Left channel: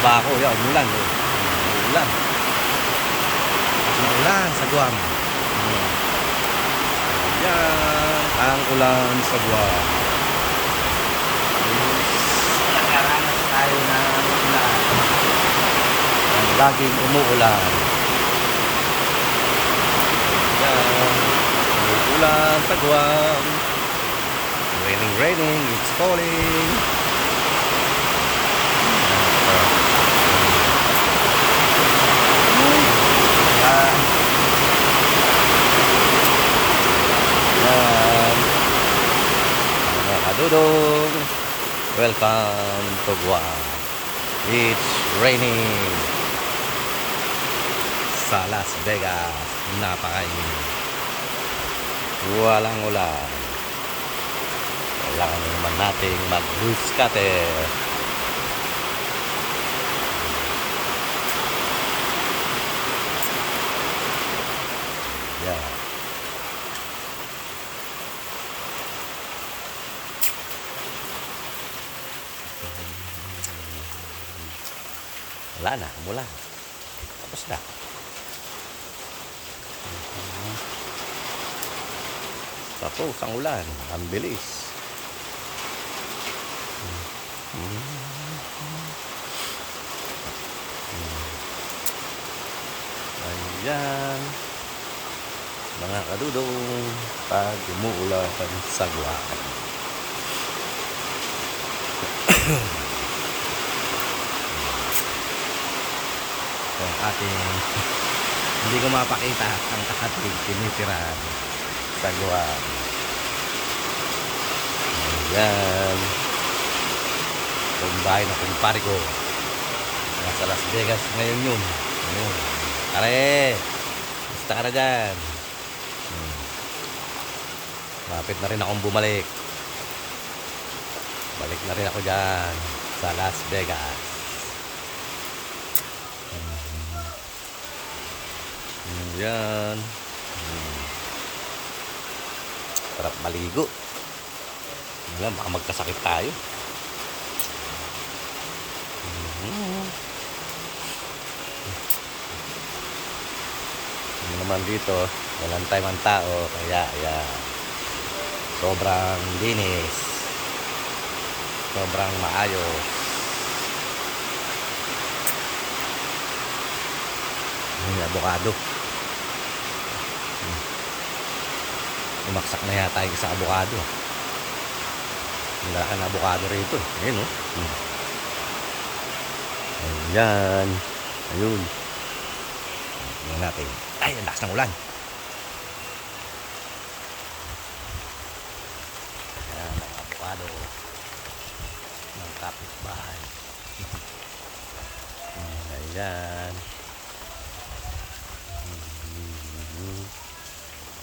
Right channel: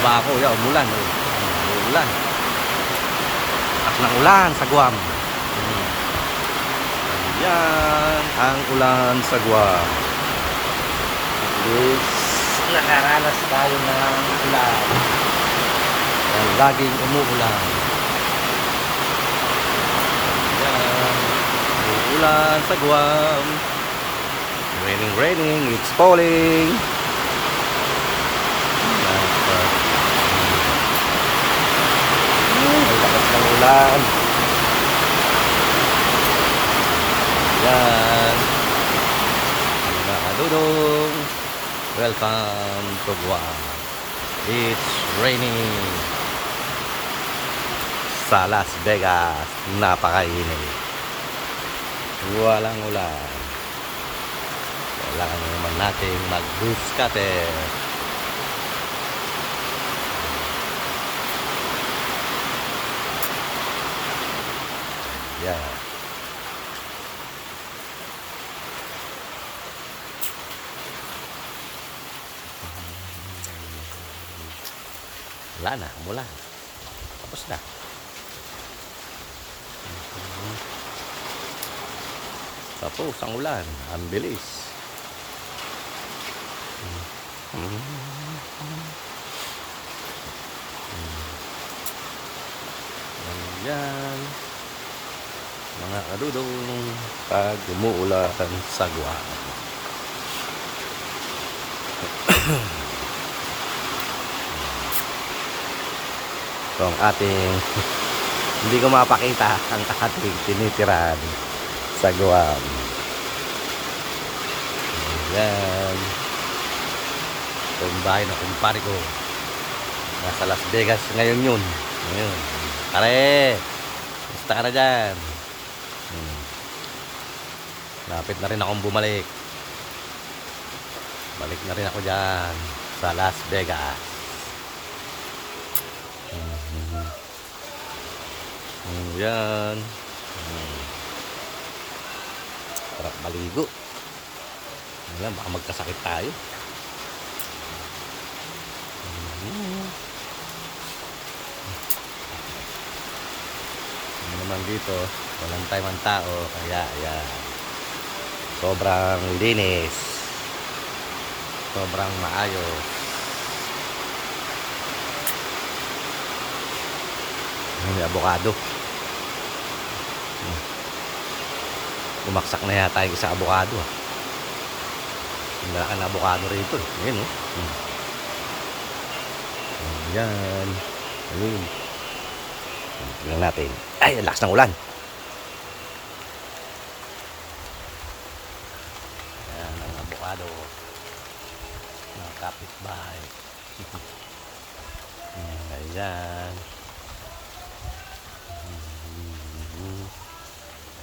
ba ako? Yeah, umulan. Oh. Umulan. At ng ulan sa Guam. Ayan ang ulan sa Guam. Yes. Nakaranas tayo ng ulan. Yan, laging umuulan. Ayan. Umuulan sa Guam. Raining, it's falling. At ang lakas ng ulan. Yan mga kadudong, welcome to Guam. It's raining sa Las Vegas. Napakainit, walang ulan. Kailangan naman nating mag-bush cutter. Yeah. Wala na, mula. Tapos na. Tapos ang ulan, ang bilis. Ayan. Mga kadudong, pag umuulan sa Guam. So, ang ating hindi ko mapakita ang ating tinitirahan sa Guam. Ayan. Ito yung bahay ng kumpare ko. Nasa Las Vegas ngayon yun. Ayun. Pare, basta ka na dyan. Lapit na rin akong bumalik. Balik na rin ako dyan sa Las Vegas. Yan. Sarap maligo. Alam, baka magkasakit tayo. Naman dito, walang time ang tao, kaya ayan. Sobrang linis. Sobrang maayos. Yung avocado. Bumaksak na yata yung isa avocado. Ang lalaki na avocado rito eh. Ayun, oh. Ayan. Ayun. Tingnan natin. Ay, ang lakas ng ulan. Ayan ang avocado ng kapitbahay. Ayan.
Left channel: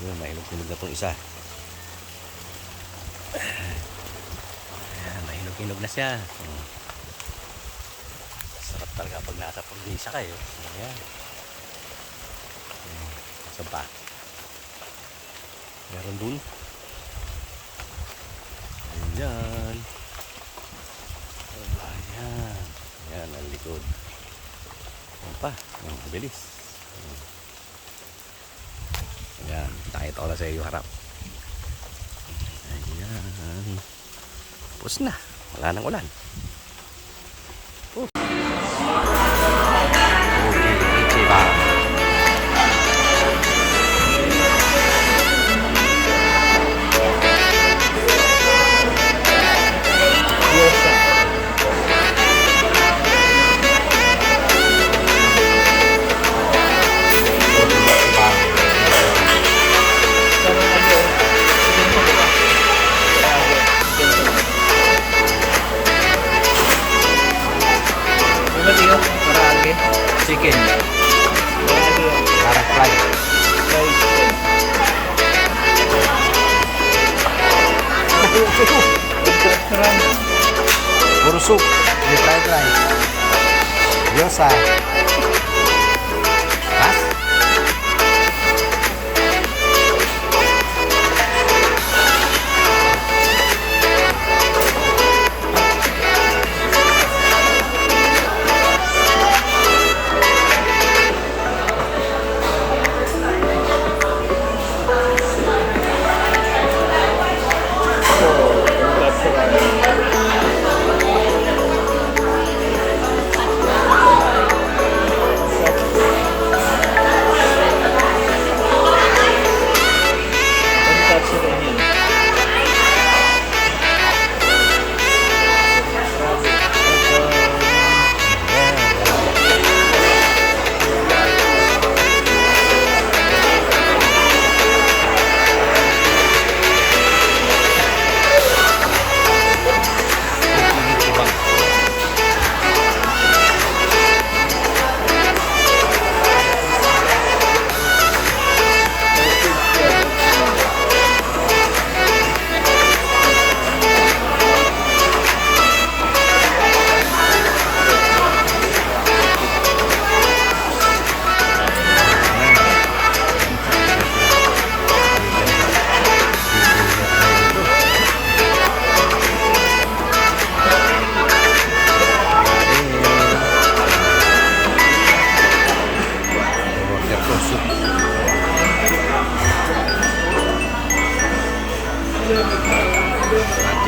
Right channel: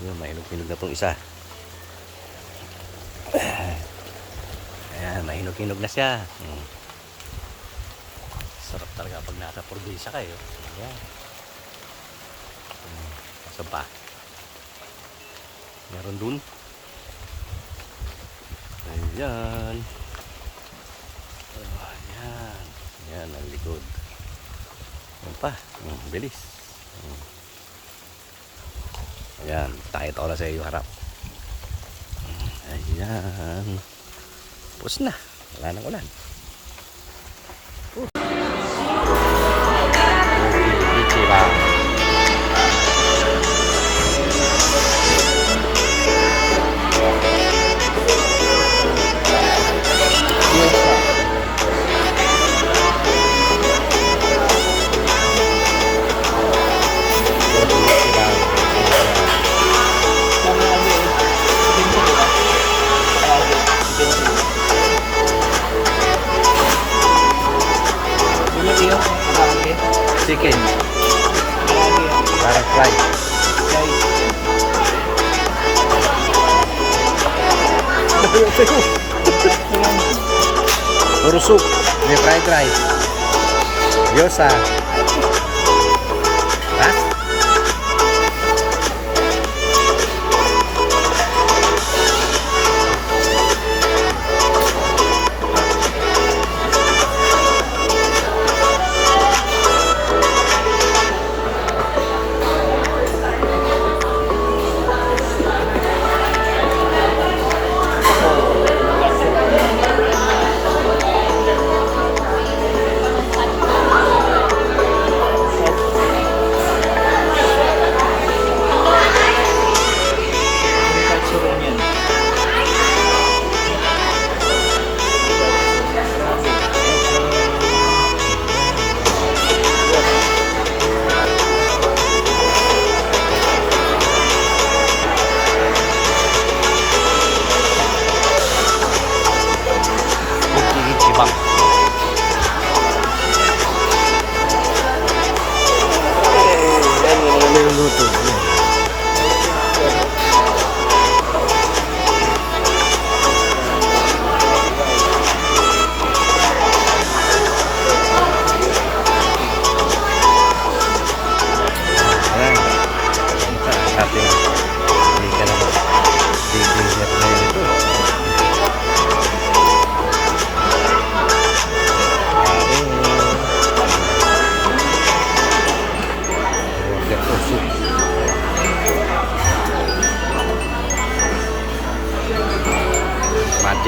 Yun, mahinog-hinog na itong isa. Ayan, mahinog-hinog na siya. Sarap talaga pag nasa probinsya kayo. Ayan. Saan pa? Meron dun. Ayan. Ayan. Ayan ang likod. Ayan pa. Bilis. Ayan. Takit ako lang sa iyo harap. Ayan. Tapos na. Wala nang ulan. Ichi ba? Chicken. Para fry. Puro soup. May fried rice. Gyoza. Ha?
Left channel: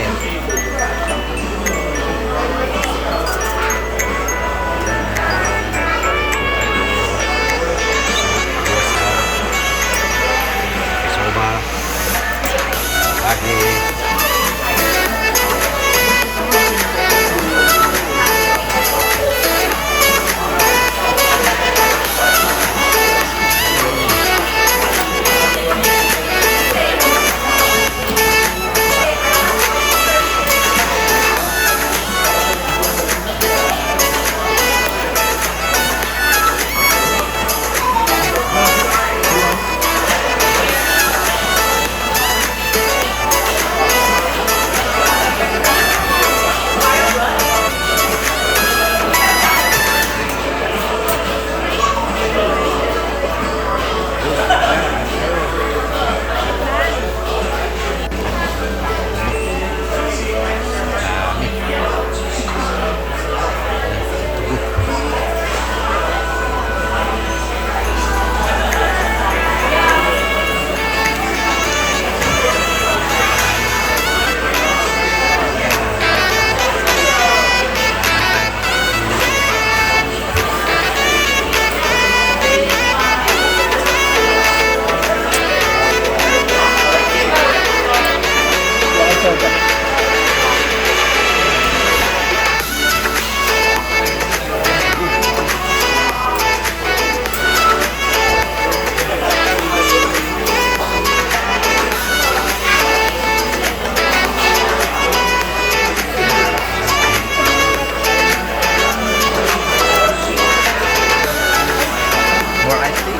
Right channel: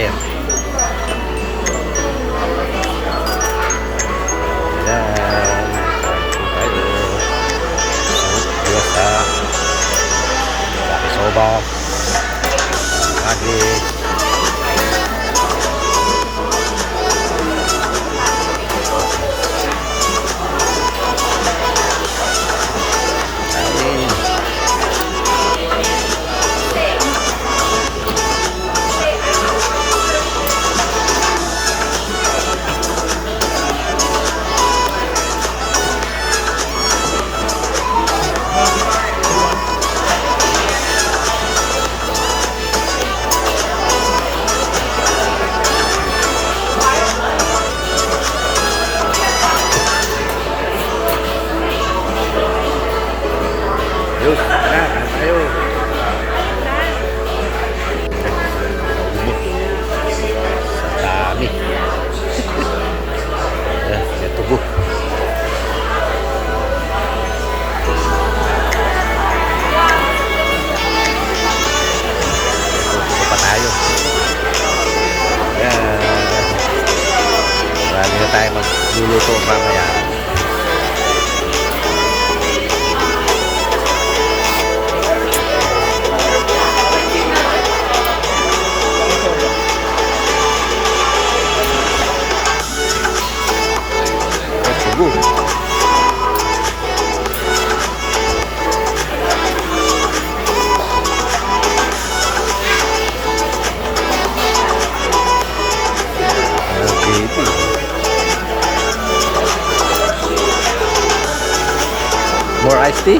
Master. Ayan. Kain po tayo. Soup, gyoza, yakisoba, ragi. Yun, tara, tayo. Naubos. Sa dami. Yan, tugo. Tugo pa tayo. Yan. Marami na tayo magluluto pa kaya. More iced tea?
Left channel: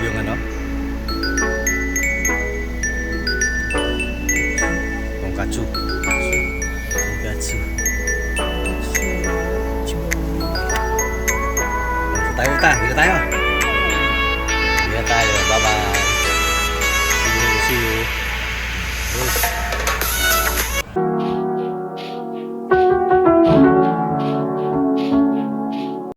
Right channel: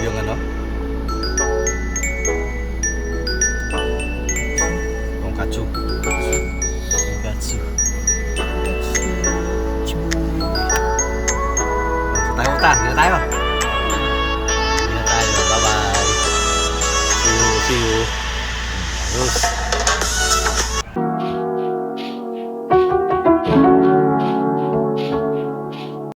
Yung ano? Tonkatsu. Tonkatsu. Dito tayo, dito tayo. Dito tayo. Bye-bye. See you. See you. Terus.